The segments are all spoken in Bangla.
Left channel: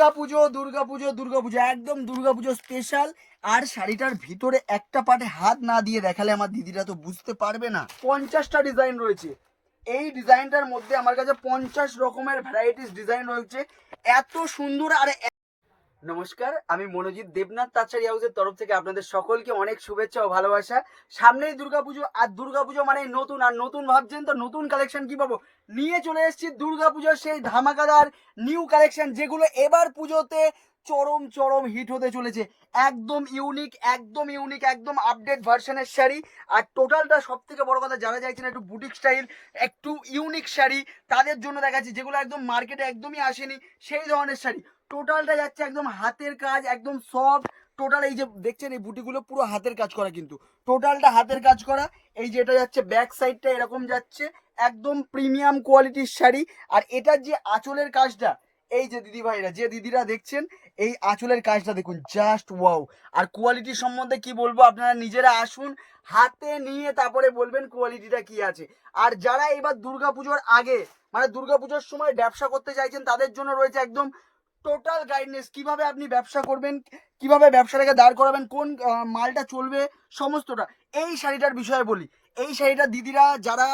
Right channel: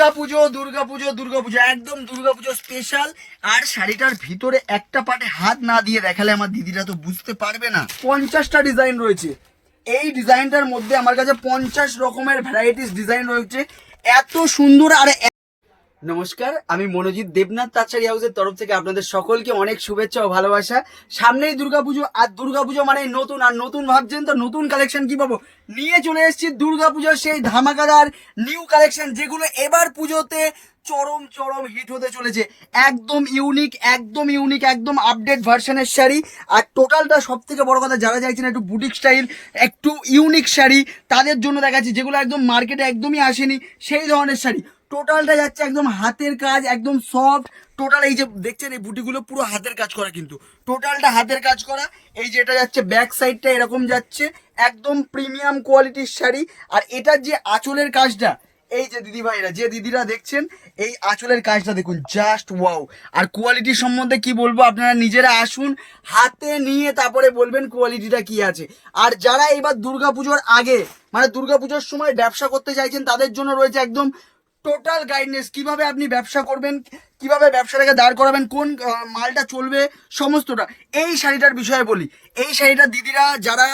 দুর্গাপুজো দুর্গাপুজো দুর্গাপুজো, একদম দুর্গাপুজো স্পেশাল আর শাড়িটার ভিতরে একটা পাটে হাত না দিয়ে দেখালে আমার দিদিরা তো বুঝতে পারবে না। পঞ্চাশটা ডিজাইন রয়েছে। এই ডিজাইনটার মধ্যে আমার কাছে পঞ্চাশ রকমের ভ্যারাইটিস ডিজাইন রয়েছে। এত সুন্দর আর নমস্কার, আমি মনোজিৎ দেবনাথ তাছাড়ি হাউসের তরফ থেকে আপনাদের সকলকে অনেক শুভেচ্ছা ও ভালোবাসা। সামনেই দুর্গাপুজো, আর দুর্গাপুজো মানে নতুন, আর নতুন ভাবছেন তো নতুন কালেকশন কি পাবো? নিয়ে চলে এসেছি দুর্গাপুজোর সেই ধামাকাদার নিউ কালেকশন যেগুলো এবার পুজোতে চরম চরম হিট হতে চলেছে। একদম ইউনিক একদম ইউনিক একদম আপডেট ভার্সনের শাড়ি। আর টোটালটা সব থেকে বড় কথা, যারা চাইছেন একটু বুটিক স্টাইল একটু ইউনিক শাড়ি, তাদের জন্য দেখাচ্ছি, যেগুলো একদম মার্কেটে একদমই আসেনি, সেই ধরনের শাড়ি। টোটালটা যাচ্ছে একদম হাতের কাজ, একদম সফট টোটাল এই যে দেখছেন, এই বুটিগুলো পুরো হাতের কাজ করা কিন্তু। টোটালটা হাতের কাজ করা। এই যে এটা যাচ্ছে ব্যাক সাইডটা এরকম যাচ্ছে। একদম প্রিমিয়াম কোয়ালিটির শাড়ি। আর এটার যে আঁচলের কাজটা, এই যে দিদি ভাইরা যে দিদিরা দেখছেন, এই আঁচলের কাজটা দেখুন জাস্ট ওয়াও আর কোয়ালিটি সম্বন্ধে কি বলব, আপনারা নিজেরা আসুন, হাতে নিয়ে তারপরে বলবেন কোয়ালিটিটা কি আছে। আর যারা এবার দুর্গাপুজোর আগে মানে দুর্গাপুজোর সময় ব্যবসা করতে চাইছেন, তাদের জন্য রয়েছে একদম টোটাল গাইডনেস কীভাবে আপনি ব্যবসা করবেন, কীভাবে ব্যবসাটাকে দাঁড় করাবেন, কোন মালটা চলবে, সমস্তটা। এই শাড়িটার বিষয়ে বলি। এই শাড়িটা দিদিরা, যারা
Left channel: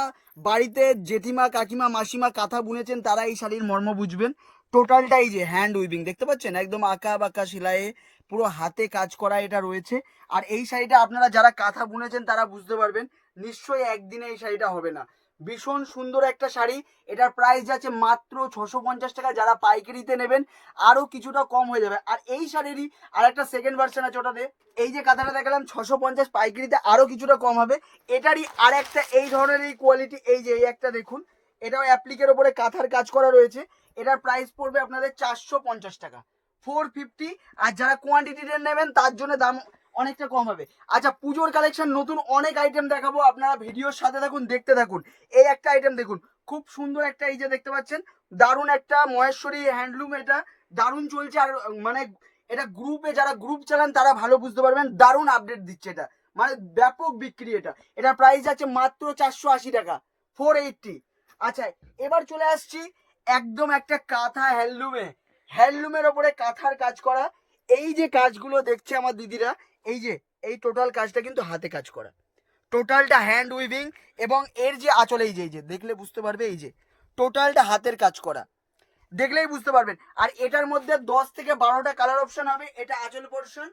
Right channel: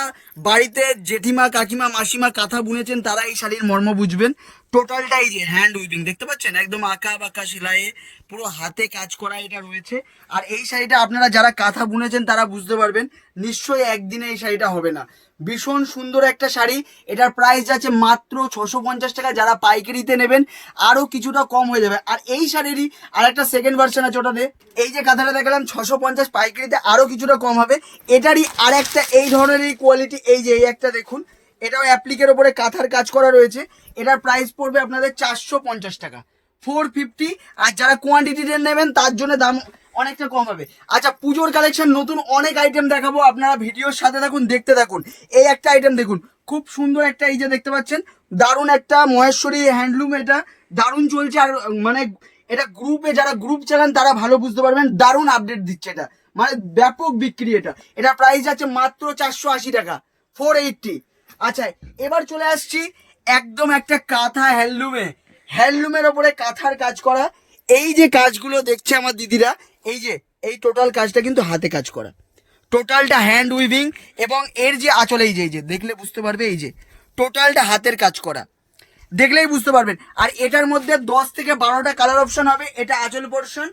বাড়িতে জেঠিমা, কাকিমা, মাসিমা কাঁথা বুনেছেন, তারা এই শাড়ির মর্ম বুঝবেন। টোটালটাই যে হ্যান্ড উইভিং দেখতে পাচ্ছেন? একদম আঁকা বাঁকা সেলাইয়ে পুরো হাতে কাজ করা এটা রয়েছে। আর এই শাড়িটা আপনারা যারা কাঁথা বুনেছেন, তারা বুঝতে পারবেন, নিশ্চয়ই একদিনে এই শাড়িটা হবে না। ভীষণ সুন্দর একটা শাড়ি। এটার প্রাইস যাচ্ছে মাত্র ছশো পঞ্চাশ টাকা। যারা পাইকারিতে নেবেন আরও কিছুটা কম হয়ে যাবে। আর এই শাড়িরই আর একটা সেকেন্ড ভার্সন আছে ওটাতে। এই যে কাঁথাটা দেখালাম, ছশো পঞ্চাশ পাইকারিতে আরও কিছুটা কম হবে। এটারই আর একটা এই ধরনের এই কোয়ালিটি এই যে এই একটা দেখুন। এটাও অ্যাপ্লিকের ওপরে কাঁথার কাজ করা রয়েছে। এটার প্রাইস পড়বে আপনাদের চারশো পঞ্চাশ টাকা। ফোর ফিফটি, আর যারা কোয়ান্টিটিতে নেবেন, তার জন্য দাম অনেকটা কম হবে। আচ্ছা পুজোর কালেকশন নতুন অনেক আইটেম দেখাবো, আপনারা ভিডিওর সাথে থাকুন, দেখতে থাকুন। এই একটা আইটেম দেখুন, খুব সুন্দর একটা এই যে দেখতে পাচ্ছেন, দারুণ একটা মহেশ্বরী হ্যান্ডলুম এটা, দারুণ চলছে, আর মানে এটা গ্রুপে যারা গ্রুপ চালান, তারা ভালো বুঝতে পারবেন, দারুণ আপডেট দিচ্ছে এটা। মানে ব্যাপক বিক্রি এটা। এটা প্রাইস আছে মাত্র চারশো আশি টাকা ফোর এইটটি আচ্ছা এবার চলে আসছি একদম একটা কাঁথা হ্যান্ডলুমে হ্যান্ডলুমের ওপরে কাঁথার কাজ করা, এই যে কাজগুলো দেখছে আমার দিদিরা, এই যে, এই টোটাল কাজটা কিন্তু হাতে কাজ করা। টোটালটা হ্যান্ড উইভিং এবং এর যে আঁচল, এই যে এই যে, দেখলে বুঝতে পারবে, এই যে, টোটালটা হাতের কাজ করা। দেখলেই বুঝতে পারবেন। আর এটার মধ্যে দশ থেকে বারোটা কালার অপশন হবে, এটা আঁচল পোর্শন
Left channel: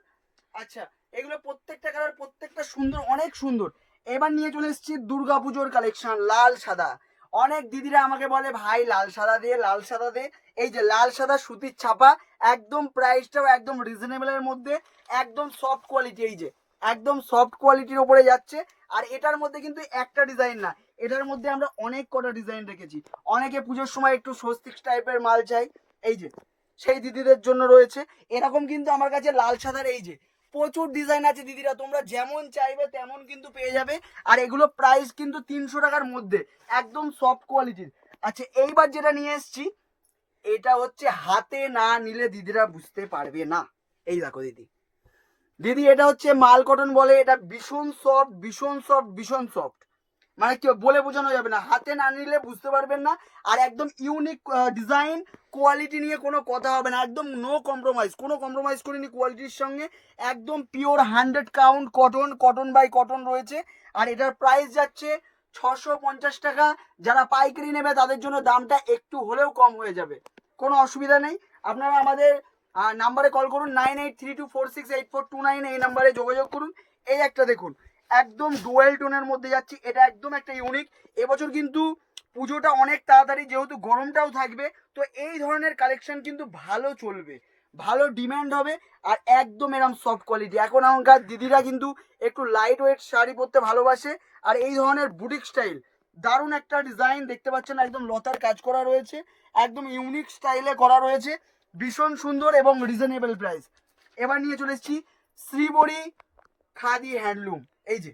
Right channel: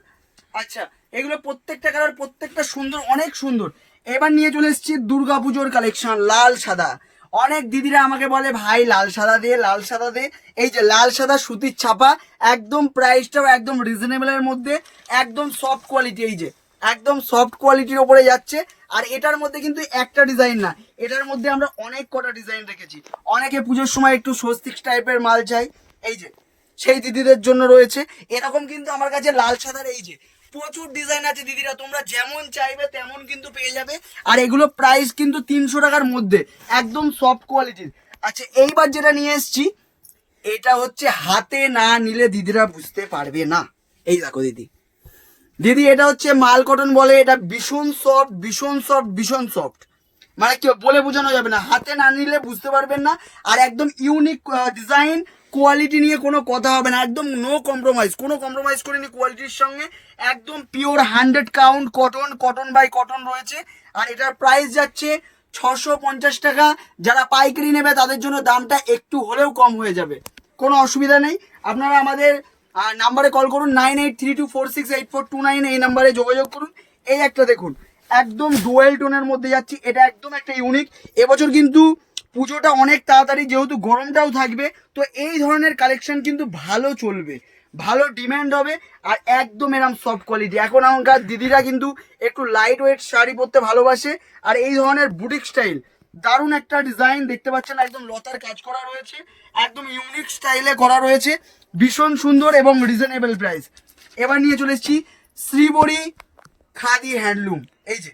আচ্ছা এগুলো প্রত্যেকটা কালার প্রত্যেকটা সুন্দর, অনেক সুন্দর। এবার নিয়ে চলে এসেছি দুর্গাপুজোর কালেকশন লাল, সাদা। অনেক দিদিরা আমাকে বলে, ভাই, লাল সাদা দে, লাল সাদা দে। এই যে লাল সাদা সুতির ছাপা, একদম প্রাইসটাও একদম রিজনেবলের মধ্যে, একদম সফট কোয়ালিটি এই যে, একদম সফট কোয়ালিটির ওপরে যাচ্ছে। আর এটার মধ্যে কিন্তু একটা ডিজাইন না, এটার মধ্যে আমরা অনেক কটা ডিজাইন রেখেছি। অনেকে পুজোর সময় একটু স্বস্তিক টাইপের মাল চাই, এই যে, সেই দিদিদের জন্য রয়েছে। এরকম কিন্তু আমার কাছে লাল সাদার এই যে প্রচুর ডিজাইন আছে দিদিরা, তোমরা যেমন চাইবে তেমন কিন্তু পেয়ে যাবে। আর এগুলো প্রাইস কিন্তু তিনশো টাকার মধ্যে, একদম সফট কোয়ালিটির আচ্ছা এইবার যেটা নিয়ে এসছি, এটা হচ্ছে হাতে না নিলে দিদিরা বুঝতে পারবে না। এই দেখো দিদি। দিদি, এটা হচ্ছে মাল কটন বলে, এটা ভীষণ সফট ভীষণ সফট ভীষণ সফট মানে কি বলে বোঝানো যাবে না। হাতে না নিলে বুঝতে পারবেন না, আর একদম ইউনিক ডিজাইন কোয়ালিটি নিয়ে কোনো কথা হবে না। একদম নো কম্প্রোমাইজ কোনো কম্প্রোমাইজ করিনি কোয়ালিটির সঙ্গে। একদম pure hundred count cotton cotton by cotton রয়েছে। আর এটার প্রাইস যাচ্ছে ছশো পঞ্চাশ টাকা। যারা পাইকারি নেবে, তাদের জন্য দামটা একটু হলেও কম হয়ে যাবে। কোনো অসুবিধা নেই। আপনারা আমাদের নাম্বারে কল করুন nine eight three two four six eight four two nine এই নাম্বারে যোগাযোগ করুন। এই একটা দেখুন। একদম ডুয়েল টোনের মধ্যে যাচ্ছি, এটা একদম একটা ইউনিক এবছর কিন্তু পুজোটা অনেক তাড়াতাড়ি, যেহেতু গরমটাও থাকবে, তো এই ধরনের কালেকশন কিন্তু ভালো চলবে, ভালো ডিম্যান্ড হবে, আর একদম এরম সফট কোয়ালিটি এখন এখনকার দিদিরা কিন্তু একটু লাইট ওয়েট শাড়ি পরতে ভালোবাসে, আর এই ধরনের বুটিক স্টাইল দারুণ একটা ডিজাইন দেখতে পাচ্ছেন, একদম লতার কাজ করা রয়েছে, একদম ইউনিক স্টাইলে করা রয়েছে, ভীষণ সুন্দর এবং রিজনেবল প্রাইস এবার নিয়ে চলে এসেছি খাদি হ্যান্ডলুম এই যে,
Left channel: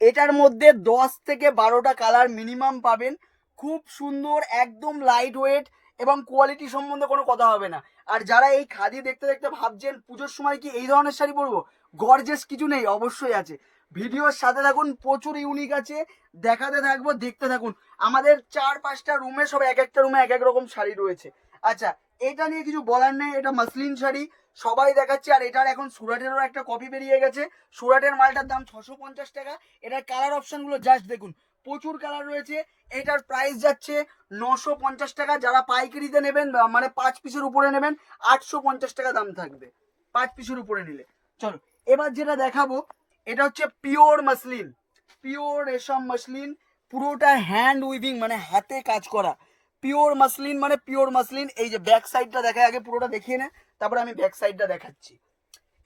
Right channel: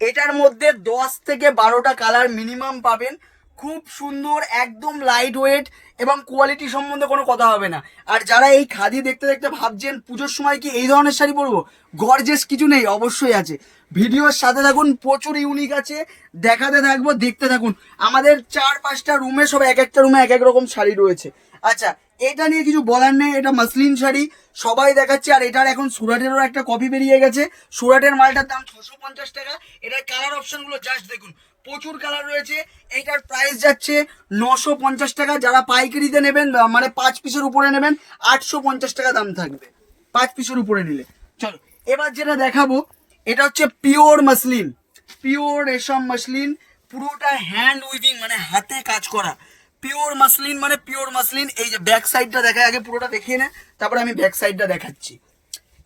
এটার মধ্যে দশ থেকে বারোটা কালার মিনিমাম পাবেন। খুব সুন্দর, একদম লাইট ওয়েট এবং কোয়ালিটি সম্বন্ধে কোনো কথা হবে না। আর যারা এই খাদি দেখতে দেখতে ভাবছেন, পুজোর সময় কি এই ধরনের শাড়ি পরবো? গর্জেস কিছু নেই, অবশ্যই আছে। ভিডিওর সাথে থাকুন, প্রচুর ইউনিক আছে। দেখাতে থাকব, দেখতে থাকুন। আমাদের চার পাঁচটা রুমে সব এক একটা রুমে এক এক রকম শাড়ি রয়েছে। আচ্ছা এটা নিয়ে কিছু বলার নেই, এটা মাসলিন শাড়ি, সবাই দেখাচ্ছে, আর এটার এখন সুরাটেরও একটা কপি বেরিয়ে গেছে। সুরাটের মালটার দাম ছশো পঞ্চাশ টাকা, এটার কালার অপশনগুলো জাস্ট দেখুন, প্রচুর কালার রয়েছে, এটার প্রাইস যাচ্ছে নশো পঞ্চাশ টাকা, যারা পাইকারিতে নেবেন মানে পাঁচ পিসের উপরে নেবেন, আটশো পঞ্চাশ টাকা দাম থাকবে, পাঁচ পিসের উপরে নিলে। চলো, এবার যেটা দেখাবো, এটা হচ্ছে পিওর মাসলিন পিওর রেশম মাসলিন, পুরোটা হ্যান্ড উইভিং মানে হাতে কাজ করা। পিওর মাসলিন মানে পিওর মাসলিন এই যে ব্যাক সাইডটা দেখায়, আগে পুরোটা দেখিয়ে নে, তারপরে আমি ব্যাক সাইডটা দেখাচ্ছি।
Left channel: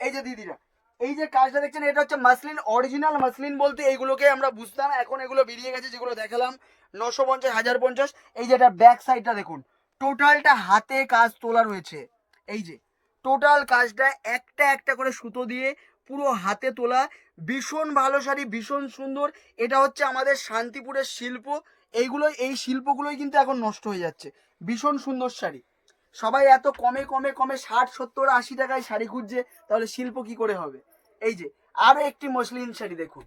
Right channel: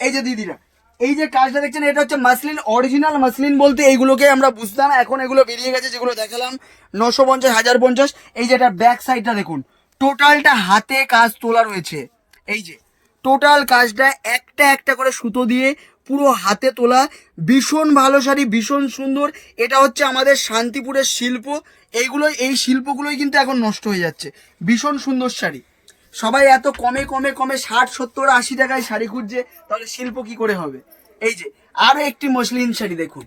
এই যে দিদিরা, এই যে কাজটা দেখছেন, এটা হচ্ছে মাসলিন অরিজিনাল মাসলিন বলতে এইগুলোকে আমরা বুঝতাম, এখন এগুলো বেরিয়ে গেছে, যেগুলো দেখালাম, নশো পঞ্চাশ, হাজার পঞ্চাশ, এই যে এটা ব্যাক সাইডটা দেখুন টোটালটা হাতে কাজ তোলা রয়েছে। এই যে টোটাল কাজটা একটা একটা করে সুতো দিয়ে পুরো হাতে তোলা, ভীষণ ভালো শাড়ি, ভীষণ সুন্দর, এটা হচ্ছে আমাদের শান্তিপুরের শিল্প এইগুলো এই শিল্পগুলোই কিন্তু এখন নষ্ট হয়ে যাচ্ছে। ভীষণ সুন্দর শাড়ি। সবাই এত কমে কমে কমে ষাট, সত্তর, আশি টাকায় শাড়ি খুঁজছে, তাহলে শিল্প কি করে হবে? এই যে আরও একটি মসলিন শাড়ি দেখুন।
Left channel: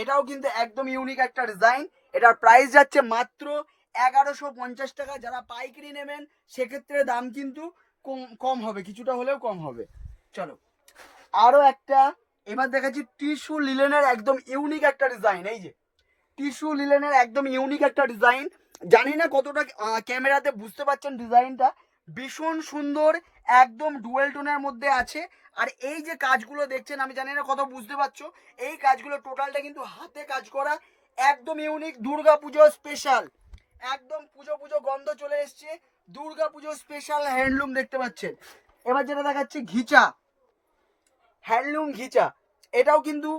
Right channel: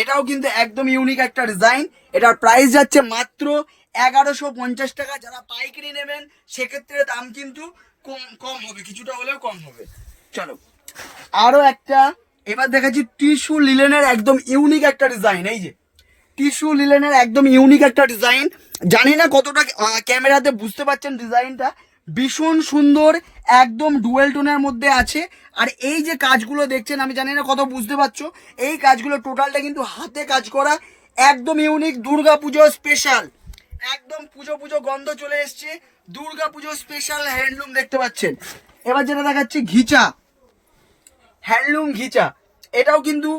এটাও কিন্তু একদম ইউনিক একটা ডিজাইন এটার প্রাইস যাচ্ছে মাত্র এগারোশো পঞ্চাশ টাকা। যারা পাইকারি নেবেন, সেক্ষেত্রে দাম কিন্তু কম কম হবে, কিছুটা হলেও কম হবে। চলো আরও একটা, এবার দেখাচ্ছি টিস্যু লিলেনের একদম ইউনিক একটা ডিজাইন এই যে টিস্যু লিলেনের একদম ইউনিক একটা ডিজাইন। জানি না কতটা ক্যামেরাতে বুঝতে পারছেন ডিজাইনটা। ভীষণ সুন্দর, একদম ডুয়েল টোনের মধ্যে আছে। আর এই যে কাজগুলো দেখছেন, আমি জানি না কত বুঝতে পারছ, এই কাজগুলো টোটালটা কিন্তু হাতে কাজ করা, একদম ইউনিক দুর্গা পুজো স্পেশাল। একদম পুজো পুজো গন্ধ চলে এসছে দুর্গা পুজো স্পেশাল হ্যান্ডলুম দেখতে পাচ্ছেন। এবার যেটা দেখাচ্ছি, ঘিচা। হ্যান্ডলুম ঘিচা। এটাও কিন্তু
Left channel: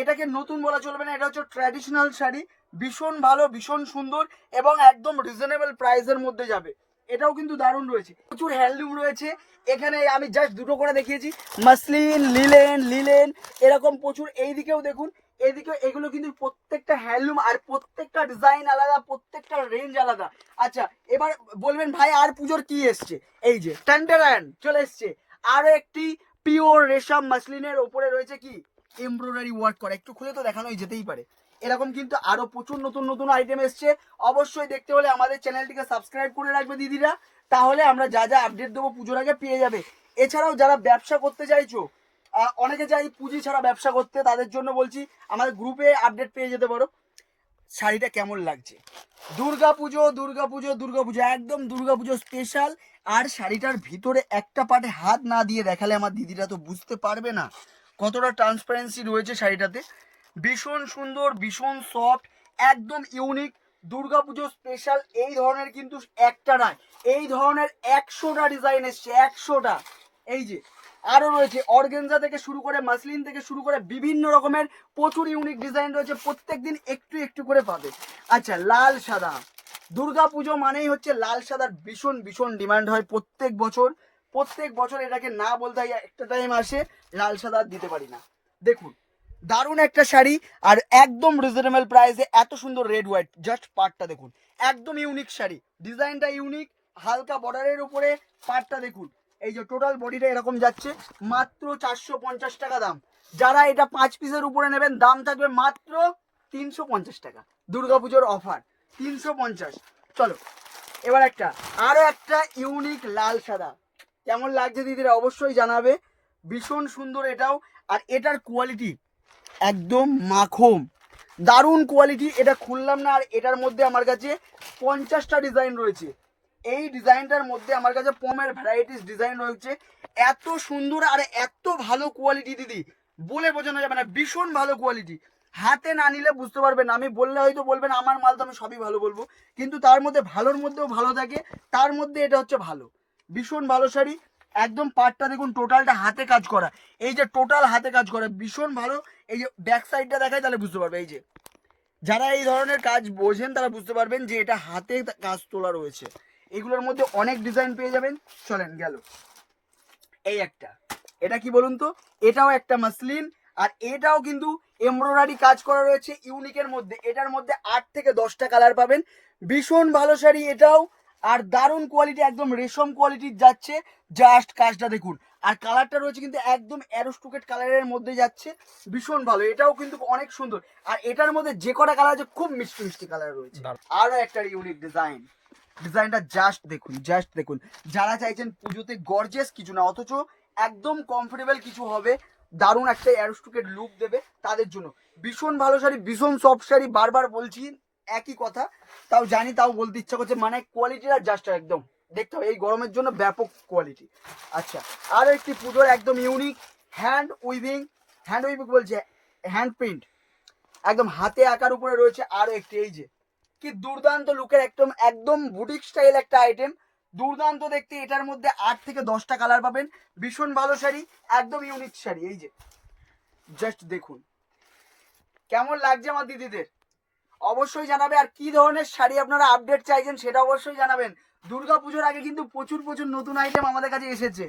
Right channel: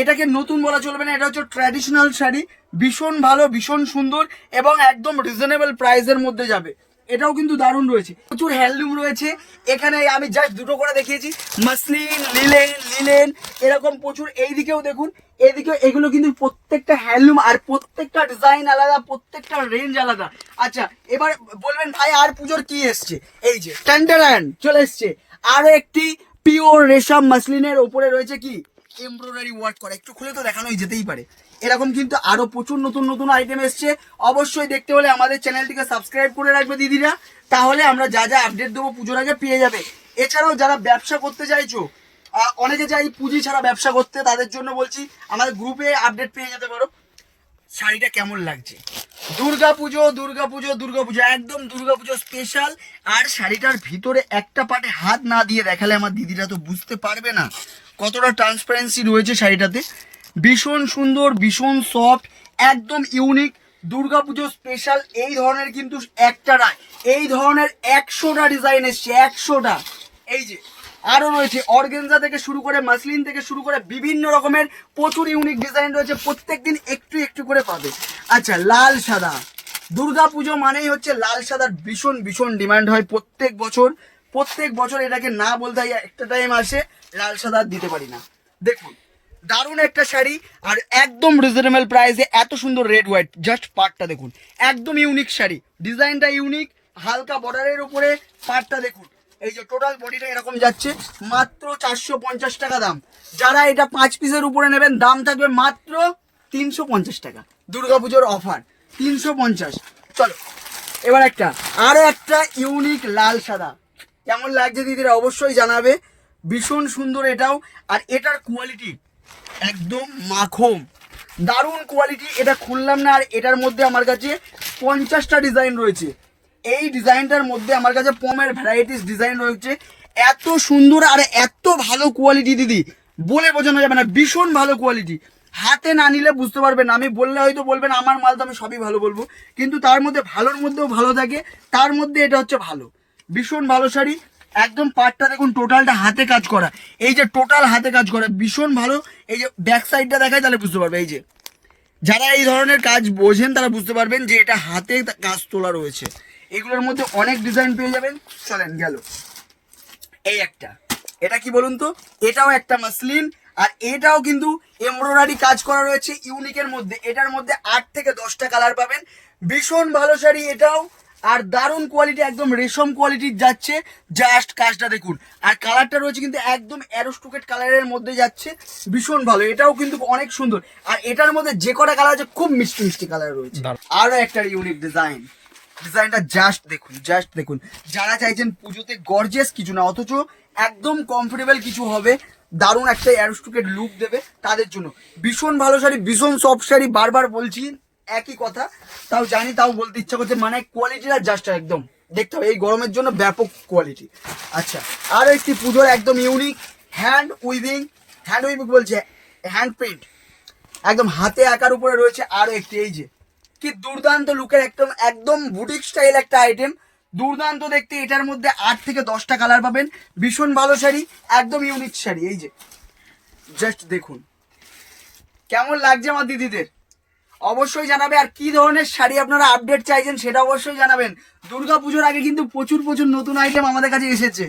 এটাকে নতুন বলা চলবে না, এটা হচ্ছে ট্র্যাডিশনাল শাড়ি। ভীষণ ভালো, ভীষণ সুন্দর এবং একদম রিজনেবল প্রাইসের মধ্যে যাবে। এটাও কিন্তু দারুণ রয়েছে। প্রচুর হ্যান্ডলুম রয়েছে। এখানে আমি জাস্ট দুটো করে দেখিয়েছি। মাসলিন, লিলেন লিলেন, এরকম প্রচুর। এই দিকেও দেখুন এইদিকে এগুলো কিন্তু প্রত্যেকটা হ্যান্ডলুম আর প্রত্যেকটা ডিজাইন আলাদা, প্রত্যেকটা রেঞ্জ আলাদা। আচ্ছা এবার বলবেন ভাই, আর পুজোর কি এসছে? এই যে ট্যান্ডারান চলে এসছে। আরও একটি পিওর রেশম মাসলিনের উপরে রয়েছে কি? এমব্রয়ডারি ওয়ার্ক করা। একটু খুলে তো দেখানোই যেতেই পারে। এরকম কিন্তু আরও প্রচুর নতুন নতুন আইটেম এসছে। অবশ্যই দেখতে হলে আমাদের চ্যানেলটিকে সাবস্ক্রাইব করে রাখবে দিদিরা। তাহলে আমরা যা যা আপডেট দেবো পুজোর আগে পেয়ে যাবে। এছাড়াও যারা ব্যবসা করতে চাইছো অনেকে চাই পুঁজি ছাড়া ব্যবসা করতে, তাদের জন্য বলছি, আমাদের গ্রুপে আপডেট পেয়ে যেতে পারো। শাড়িটা কেমন লাগছে? দুর্গা পুজো দুর্গা পুজো দুর্গা পুজো, একদম দুর্গা পুজো স্পেশাল আর শাড়িটার ভিতরে একটা পাটে হাত না দিয়ে দেখালে আমার দিদিরা তো বুঝতে পারবে না। কতটা ট্রান্সপারেন্সি রয়েছে শাড়িটাতে? ভীষণ সুন্দর, ভীষণ সফট একদম ইউনিক দুর্গা পুজো স্পেশাল এই ধরনের কিন্তু একটা নয় এই ধরনের একশোটা ডিজাইন এসছে, একশোটা। এই যে আরও রয়েছে, অর্গেনজা থেকে শুরু করে মাসলিন থেকে শুরু করে বিভিন্ন রকমের প্রচুর ইউনিক ডিজাইন রয়েছে প্রত্যেক দিন একটু একটু করে পাবে। আচ্ছা লাল সাদা। দুর্গা পুজো মানেই হচ্ছে লাল সাদার ভীষণ ভীষণ ডিমান্ড হয় প্রত্যেক বছর। প্রত্যেক বছর এটাকে না বলতে একটা টাইম আসে। লাল সাদা দিতে পারি না। দেখুন, দারুণ একটা শাড়ি আর একদম রিজনেবল প্রাইসে এত সুন্দর রেড হোয়াইট জাস্ট পার্টটা দেখুন, একদম ইউনিক শাড়ি। ডিজাইনটা ইউনিক হালকা বর্ডারের উপরে পার্টটা দেখুন। এই যে টোটাল বডিটা এরকম যাচ্ছে, মাত্র চারশো পঞ্চাশ টাকা দাম। যারা এটা পাঁচ পিসের উপরে নেবেন, দাম থাকবে মাত্র তিনশো পঞ্চাশ টাকা। দুর্গাপুজোর অফার তিনশো পঞ্চাশ। চলো, এবার একটা আরও একটা ইউনিক লাল সাদা। কেমন লাগছে দিদিরা অবশ্যই জানাবে। ভীষণ সুন্দর এটাও, আর এটার কোয়ালিটি একদম মাখম। দারুণ কোয়ালিটি এটা খুললাম না, আর এটার মধ্যে আমার কাছে পঞ্চাশটা ডিজাইন রয়েছে। এই ডিজাইনটার মধ্যে আমার কাছে পমের ভ্যারাইটিস ডিজাইন রয়েছে। এত সুন্দর আর এত ভালো কোয়ালিটি দিদি। বলে বোঝানো যাবে না, ভীষণ ভালো কোয়ালিটি হাতে না নিলে বুঝতে পারবেন আমি বললে হয়তো বলবেন, আমার মাল তো আমি সবই ভালো বলব। কিন্তু তার মধ্যে ভালোর মধ্যেও ভালো থাকে, তার মধ্যে এটা হচ্ছে ভালো। ভীষণ ভালো শাড়ি একদম পাটটা দেখুন টোটালটা হাতে কাজ করা। এই যে টোটাল হাতে কাজ করা, ভীষণ ভালো। এই যে ব্যাক সাইডটা দেখায় তাহলে বুঝতে পারবে, এই যে। যারা এই ধরনের কাজ বোঝেন তারা বুঝতে পারবেন যে এটা হাতে কাজ তোলা রয়েছে। এগুলোর মধ্যে অনেক ডিজাইন পেয়ে যাবেন। চলেন, গেল। এই একটা। এটা কি বলুন তো? এটাও একটা মাসলিন, আর এটাও কিন্তু এমব্রয়ডারি কাজ করা রয়েছে ইউনিকের মধ্যে। এটার মধ্যে আট থেকে দশটা কালার পাবেন। ভীষণ ভালো শাড়ি এটাও। আর দারুণ কোয়ালিটি একদম রেশম কোয়ালিটির যাচ্ছে। জাস্ট কাজটা দেখুন। আর কালারটা রয়েছে কিন্তু একদম অ্যারোস্টুকেট কালারের মধ্যে যাচ্ছে। ভীষণ ভালো। এটাও কিন্তু অনেক সুন্দর। আর এটার মধ্যে যে কটা কালার আছে খুব মিষ্টি মিষ্টি কালার রয়েছে। আরও একটা ইউনিক ডিজাইন ডিজাইনটা জাস্ট দেখুন জাস্ট দেখুন। যারা চাইছেন পুজোতে গর্জেস কিছু না অথচ একদম কমফোর্টেবল কিছু হবে দারুণ একটা অ্যারোস্টুকেট লুক দেবে তাদের জন্য। ভীষণ ভালো শাড়ি ভীষণ সফট শাড়ি বারবার বলছি। একই কথা। তাও জানি, তাও বলতে ইচ্ছা করছে মানে কোয়ালিটিটা জাস্ট একদম। দেখতে হবে, এই গরমের জন্য ব্যাপক কোয়ালিটি আচ্ছা আর একটি পুজোর একদম unique hand weaving hand weaving বলছে হ্যান্ড প্রিন্ট একদম হাতে আঁকার উপরে রয়েছে আরও একটি, এই যে। কি দুর্দান্ত লুকের একদম একদম বুটিক স্টাইল একটা আইটেম দুর্দান্ত দেখতে, এটার মধ্যে আট থেকে দশটা কালার পাবেন। ভীষণ ভালো শাড়ি, একদম ইউনিক শাড়ি, এই যে। জাস্ট দেখুন। কেমন লাগছে আমার দিদিদের? অবশ্যই জানাবে আর কি ধরনের শাড়ি আপনারা আপডেট চাইছেন সেটা অবশ্যই জানাবেন। দুর্গা পুজোর আগে কিন্তু প্রচুর প্রচুর নতুন আইটেম আমাদের কাছে এসেছে।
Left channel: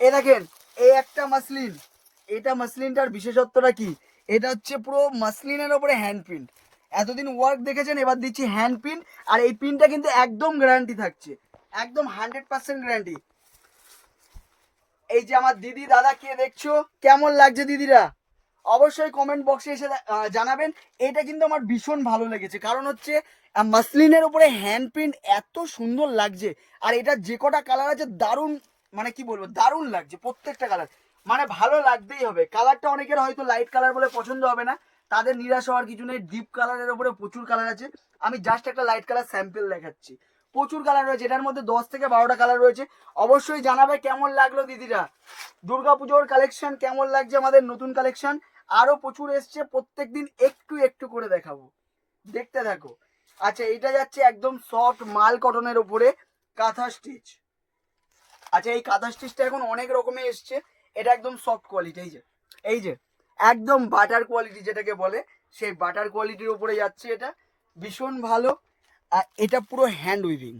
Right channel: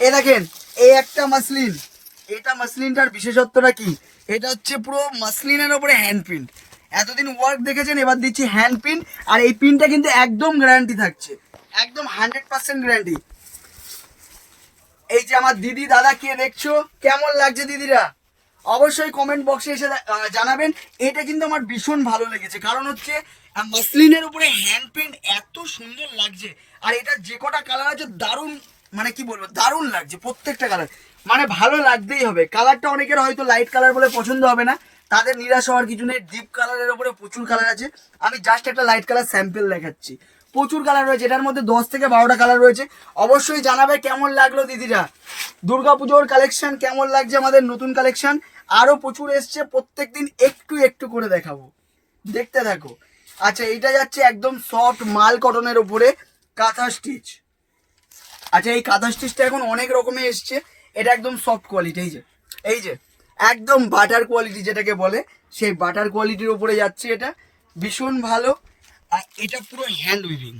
এ দেখেন এই একটা মাসলিন। এটা মাসলিনটার বিশেষত্বটা কি? এটা হচ্ছে পুরো মাসলিনের ওপরে হ্যান্ড প্রিন্ট এতদিন ওয়ার্ক দেখেছেন, এবার দিচ্ছি হ্যান্ড প্রিন্ট আর এই প্রিন্টটা কিন্তু একদম গ্যারান্টি থাকছে। একদম হান্ড্রেড পার্সেন্ট গ্যারান্টি এই যে আমার দিদি, দাদা, কে দেখছ? কেমন লাগছে দিদিরা? অবশ্যই কমেন্ট বক্সে এসে জানাবেন। এটা কিন্তু আমার ভীষণ ভালো লেগেছে। কারণ হচ্ছে মাসলিনের উপরে হ্যান্ড প্রিন্ট এত সুন্দর লাগছে, আর এটা যে কটা কালার আছে, দারুণ মানে কি বলব, দারুণ লাগছে, প্রত্যেকটা কালার মানে ভালো লাগতেই হবে। কালারটা অনেকের হয়তো লাইট কালার বলে পছন্দ হবে না। তাদের নিরাশ হওয়ার কিছু নেই। ডিপ কালারের উপরে প্রচুর কালার আছে। আমি জাস্ট একটা লাইট কালার স্যাম্পেল দেখাচ্ছি। প্রচুর কালার রয়েছে। এটার মধ্যে দশ থেকে বারোটা কালার রয়েছে। অবশ্যই জানাবে কেমন লাগল দিদিরা। দুর্গাপুজোর কালেকশন কেমন লাগছে আমাদের নতুন কালেকশন আরও প্রচুর এসছে প্রত্যেক দিন একটু একটু করে দেখাবো। দেখতে থাকো। আচ্ছা এটা যাচ্ছে একদম সফট মাল কটনের উপরে কাঁথা স্টিচ আচ্ছা এই কাঁথা স্টিচটা এখন অনেক রকমের এসছে। এটা একদম সফট কোয়ালিটি এই যে এই যে, একদম বাটার কোয়ালিটি যেটাকে বলে, সেই বাটার কোয়ালিটির উপরে যাচ্ছে এটা। ভীষণ ভালো। আর এটা পুরো হ্যান্ড উইভিং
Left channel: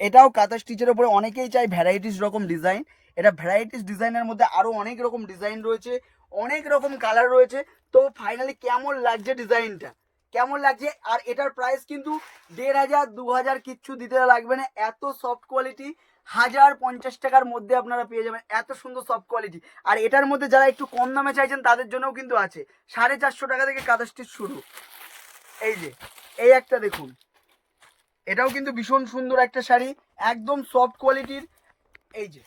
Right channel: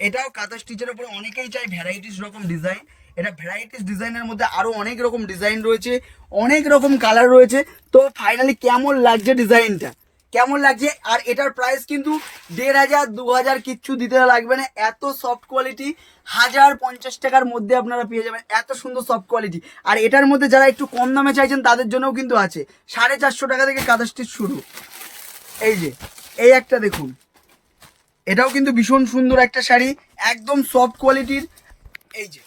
এটাও কাঁথা স্টিচের উপরে অনেকেই চাই ভ্যারাইটিস রকম ডিজাইন এটা ভ্যারাইটিস ডিজাইনের মধ্যে আরও অনেক রকম ডিজাইন রয়েছে, অনেক রকম কালার রয়েছে। তো ফাইনালি কেমন লাগছে ডিজাইনটা কেমন লাগছে? আর এটার প্রাইস কিন্তু দেড় হাজার, দু হাজার কিচ্ছু দিতে লাগবে না। এত সফট কোয়ালিটি হাজার পঞ্চাশ টাকার মধ্যে আপনারা পেয়ে যাবেন। এত সুন্দর সফট কোয়ালিটি আর এটার মধ্যে যারা একটু কম দামে চাইছেন, তাদের জন্যও কিন্তু আছে। সাড়ে চারশো টাকা থেকে কাঁথা স্টিচ শুরু। এই যে, এই একটা দেখুন। এটাও কিন্তু ভীষণ সুন্দর একটা শাড়ি, একদম সফট কোয়ালিটির এই যে।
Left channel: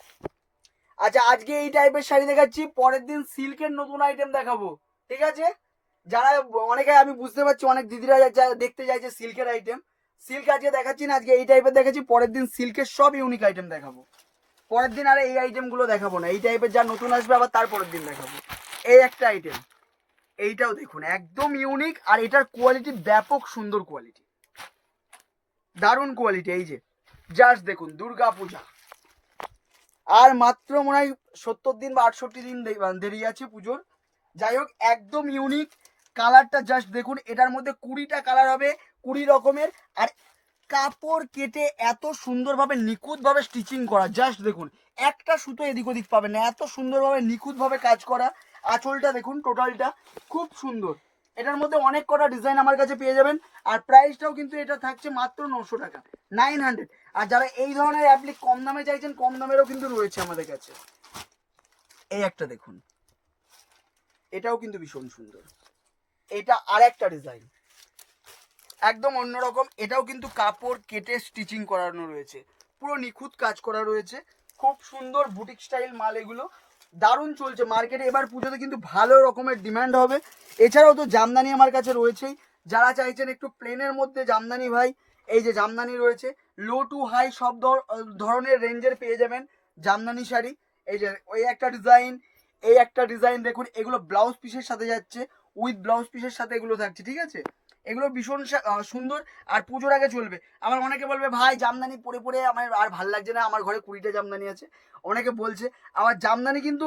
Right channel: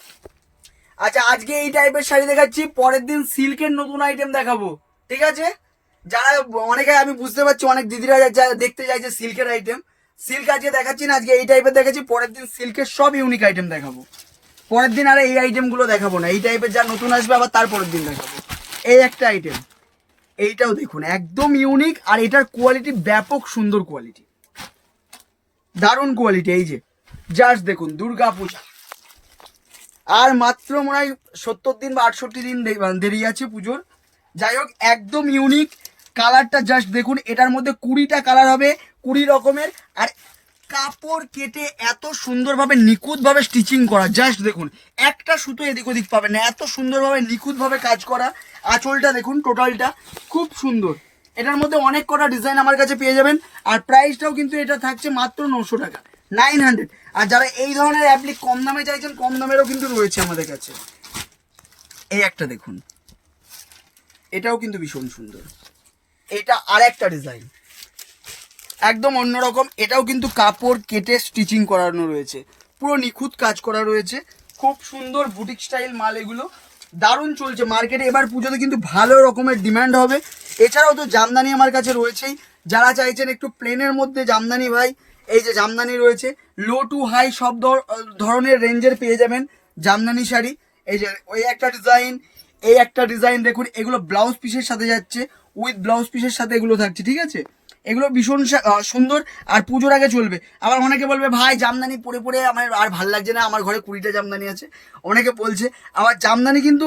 আচ্ছা আজকে এই টাইপের শাড়ি দেখাচ্ছি, পরের দিন সিল্কের নতুন আইটেম দেখাবো, ঠিক আছে? যারা, অনেকে আমি বুঝতে পারছি, অনেক দিদিরা দেখতে চাইছে সিল্কের আইটেম সিল্ক আজকে দেখাচ্ছি না, আজকে এই টাইপের দেখাচ্ছি, পরের দিন সিল্কের সব ইউনিক আইটেম দেখাবো। পরের দিন আর এই আইটেমগুলো দেখাবো না, এই টাইপের যা নতুন আসবে, আবার তার পরের দিন দেখাবো। এই একটা আইটেম এইটাও দেখুন, একদম ইউনিক আর এটার কোয়ালিটি ব্যাপক সুন্দর কোয়ালিটি দারুণ কোয়ালিটি এই যে। জাস্ট দেখুন দুর্গা পূজা আর মাত্র মনে হয় সত্তর দিন বা আটষট্টি দিন দেরি আছে পুজোর। যাই হোক, একদম ইউনিক কালারটা জাস্ট দেখুন, এটার মধ্যে কুড়িটা কালার হবে, কুড়ি রকমের। আর কাপড় কেটে এত সুন্দরভাবে নিখুঁতভাবে স্টিচিং করা জাস্ট দেখুন। একটা সুতো এদিক ওদিক পাবে না, এত সুন্দরভাবে নিখুঁতভাবে কাজ করা। আঁচলটা দেখুন টোটালটা খুব সুন্দর। এটার মধ্যে অনেক কটা ডিজাইন আমার কাছে পেয়ে যাবেন। আর প্রাইসটাও কিন্তু এটা থাকছে মাত্র নশো টাকা নাইন হান্ড্রেড আর যারা এই ধরনের অ্যাপ্লিক কম দামে চাইছেন, কম দামেরও কিন্তু রয়েছে আমাদের কাছে। এই একটা দেখুন। এটাও কিন্তু ভীষণ সুন্দর। এটা আর একটা ডিজাইন একদম অন্যরকম। এটাও কিন্তু কাপড় কেটে স্টিচিং করানো রয়েছে। পুরো নিখুঁত কাজ করা রয়েছে। খুব সুন্দর বুটিক স্টাইল মাল এগুলো। দারুণ চলছে মার্কেটে এবার পুজোতে কিন্তু ভালো রকমের ডিম্যান্ড হবে। এছাড়াও তো জামদানি আমার কাছে রয়েছেই। যারা চাইছেন একটু প্লেনের মধ্যে জামদানি ভাই, এই যে জামদানি রয়েছে লো টু হাই সব ধর- ধরনের রেঞ্জের পেয়ে যাবেন জামদানি শাড়ি। এই যে ওই একটা ডিজাইন এই একটা ডিজাইন দেখুন, এগুলো ব্লাউজ পিসের সাথে যাচ্ছে উইথ ব্লাউজ পিসের সাথে এগুলো থাকছে, ঠিক আছে? এগুলো ভীষণ সুন্দর আর পুজোর আগে চলবে। আবার অনেকে বলবে ভাই জামদানি পরে পরে আমার আর ভালো লাগছে না আমার ঘরে কুড়িটা জামদানি আছে। অনেকে বলছে আবার জামদানি কিন্তু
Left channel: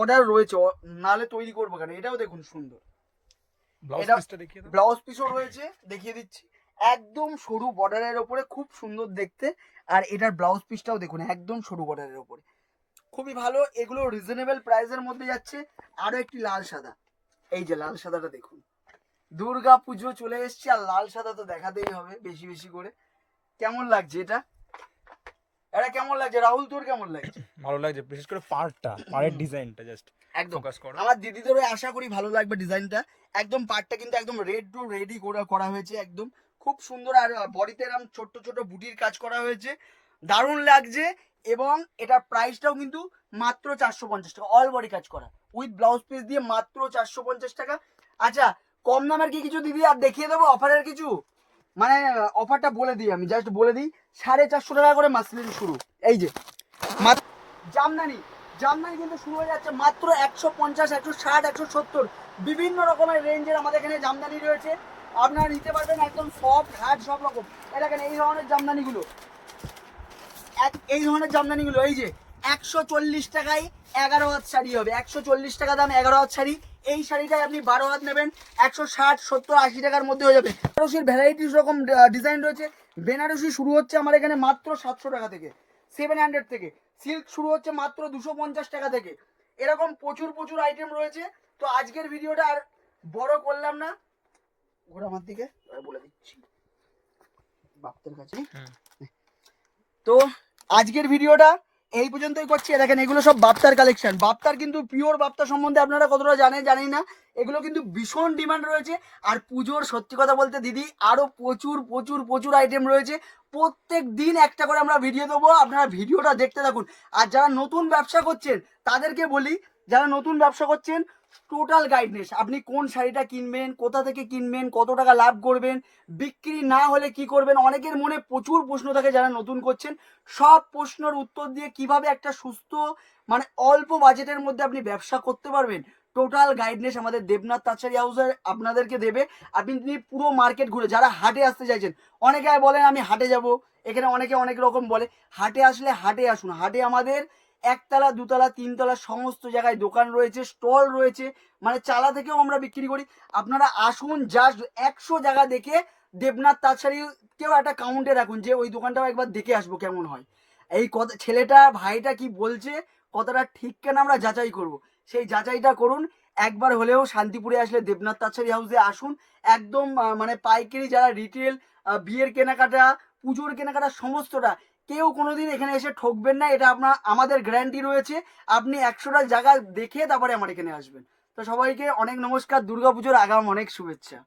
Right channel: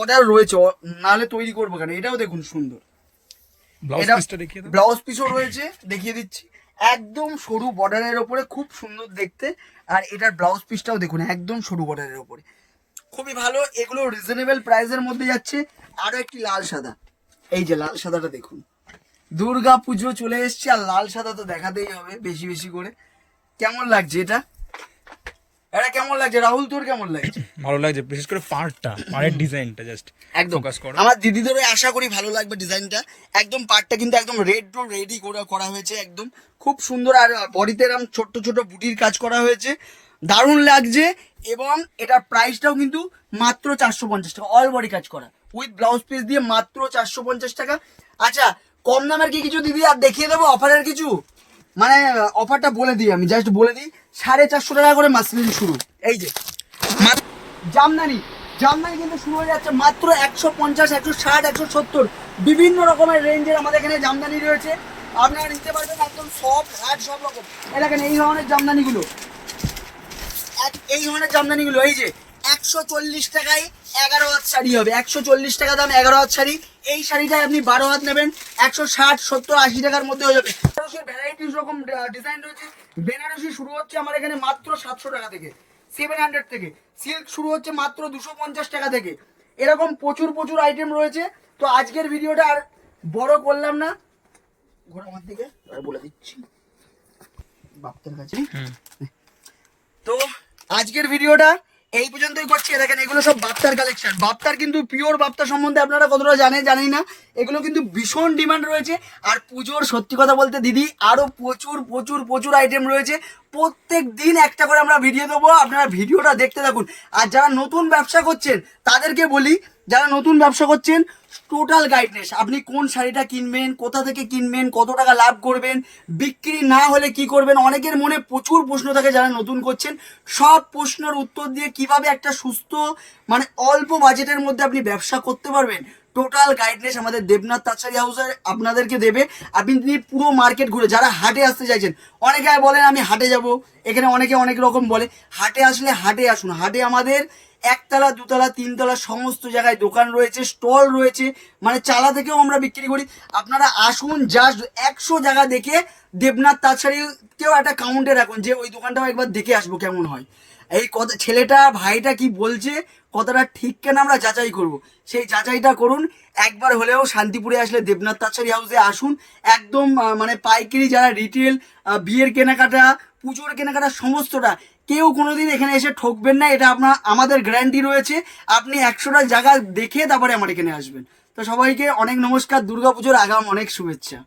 অর্ডার রয়েছে নাহলে তৈরি করব কেন? এটাও দেখুন সুন্দর। ব্লাউজ পিসও রয়েছে দেখিয়ে দিচ্ছি। একদম সরু বর্ডারের ওপরে খুব সুন্দর দেখতে। আর এটার ব্লাউজ পিসটাও দেখুন একদম সরু বর্ডারের ওপরে। খুবই ভালো এগুলো রিজনেবল প্রাইসের মধ্যে যাচ্ছে। আরও একটি লাল সাদা। এই যে লাল সাদাটা দেখুন। দুর্গা পুজো চলে এসছে আর লাল সাদা তো দেখাতেই হবে বেশি বেশি করে। কেমন লাগছে এটা? এটা কেমন লাগছে? রাহুল তোর কেমন লাগছে? ভালো লাগছে বিশেষ করে পার্টটা পাড়ের ডিজাইনটা জাস্ট একদম। ফোকাস করো। আমার দিদিদেরও আশা করি ভালো লাগবে ডিজাইনটা। একদম পার্টটা কিন্তু একদম রেড টু রেডি করা করা হয়েছে একদম। খুব সুন্দর আর বডিতে এরকম ছোট্ট ছোট বুটির কাজ করা হয়েছে। দারুণ লাগছে এবং এটার প্রাইসটাও কিন্তু মাত্র চারশো পঞ্চাশ টাকা অল বডি কাজ করা। উইথ ব্লাউজ পিস দিয়ে মাত্র চারশো পঞ্চাশ টাকা। আচ্ছা কম দামের কি কিছু দিদি আর দেখিয়ে দেবো অফারের কিছু? মানে অফারটা বলে দিই আমি জাস্ট বলে দিই। সাড়ে চারশো টাকা করে মাসলিন শুরু। এই যে জামদানি। জামদানি কিন্তু শুরু হয়ে যাচ্ছে মাত্র একশো পঞ্চাশ, একশো ষাট, একশো সত্তর। বিভিন্ন রকমের রেঞ্জের আমাদের এখানে জামদানি রয়েছে। আপনারা নিতে পারবেন একদম সব হাট সব রকম। দেখেন, এই ধরনের জামদানিগুলো। এক- এই ধরনের জামদানিগুলো, এই যে একশো চল্লিশ টাকায় এগারো হাত শাড়ি হবে। একশো চল্লিশ টাকা দাম এগারো হাত শাড়ি। এই শাড়িটায় আপনি বারো হাত নেবেন। একশো ষাট সত্তর আশি টাকার মধ্যে হয়ে যাবে। বেনারসির ভ্যারাইটিস রকম ডিজাইন রয়েছে। বেনারসি শুরু হচ্ছে আমার এখানে মাত্র সাতশো টাকা থেকে। সেভেন হান্ড্রেড থেকে। সিল্ক শুরু হচ্ছে মাত্র দুশো পঞ্চাশ টাকা থেকে। এরকম প্রচুর প্রচুর আইটেম রয়েছে। তো আজকের ভিডিওটা আর বড় করলাম না। ঘোরা আমার দিকে বলে দিচ্ছি। বাপ্তার কাছে। তো আজকের ভিডিওটা এই পর্যন্তই করছি। দেখেন, এগুলো সব বাপ্তার কালেকশন বাপ্তার কিন্তু পিওর বাপ্তা সম্বন্ধে আপনারা কতটা জানেন জানি না। এগুলো কিন্তু ভীষণ ডিমান্ড রয়েছে। আর পুজোর সত্যি কথা বলতে, দিদি আরও প্রচুর প্রচুর প্রচুর আইটেম রয়েছে। প্রত্যেক দিন একটা করে আমরা ভিডিও দেবো। আপনারা ভিডিওটা দেখতে থাকুন। আর যারা নতুন ব্যবসা করছেন, তাদেরকে বলি, যারা নতুন ব্যবসা করছেন টোটাল গাইডনেস আপনি কোন শাড়িটা কিনবেন, কোথা থেকে কিনবেন, কত টাকা লাভ করবেন, বিক্রি না হলে কি করবেন, অনেকের মনে প্রচুর প্রশ্ন থাকে যারা নতুন করছেন। সব প্রশ্নের উত্তর দিয়ে কীভাবে একটা সুস্থ মানে অল্প বাজেটের মধ্যে আপনি ব্যবসা করতে পারবেন। টোটাল গাইডনেস আমাদের দেবনাথ তাছাড়ি হাউসের আপনাদেরকে দেবে। আপনি পুরো মার্কেট ঘুরে, যারা হাটে আসতে চাইছেন, অনেকে বলেন, আমি হাটে যাব। এখানে অনেকে অনেক রকম বলে। হাটে আসলে হাটে আসুন। হাটে আমাদের একতলা, দুতলা, তিনতলা সমস্ত জায়গায় দোকান রয়েছে, স্টল রয়েছে। মানে চালা থেকেও আমরা বিক্রি করি। আপনারা আসুন জাস্ট একশো জায়গা দেখে দেবনাথ তাছাড়িকেও একটা কাউন্টে রাখুন, যে ওই দোকানটাও একবার দেখে আসব কেমন হয়। এই কথা, ছেলেটা, ভাইটা কি বলছে কতটা ঠিক কেন আমরা যাচাই করব? সেই যাচাইটা করুন। একবার হলেও শান্তিপুরে আসলে দেবনাথ তাছাড়ি হাউসে আসুন। একদম মানে পাইকারি যারা রিটেল বিয়ের কেনাকাটা, পুজোর কেনাকাটা সমস্তটা, কেউ কোনোদিন এখানে এসে ঠকবেন না। এটা আপনার, আমাদের গ্যারান্টি রয়েছে। আপনি একশোটা জায়গা দেখে তারপরে আমার এখানে আসবেন। তো সবাইকে অনেক নমস্কার। দুর্গাপুজোর আগাম অনেক শুভেচ্ছা।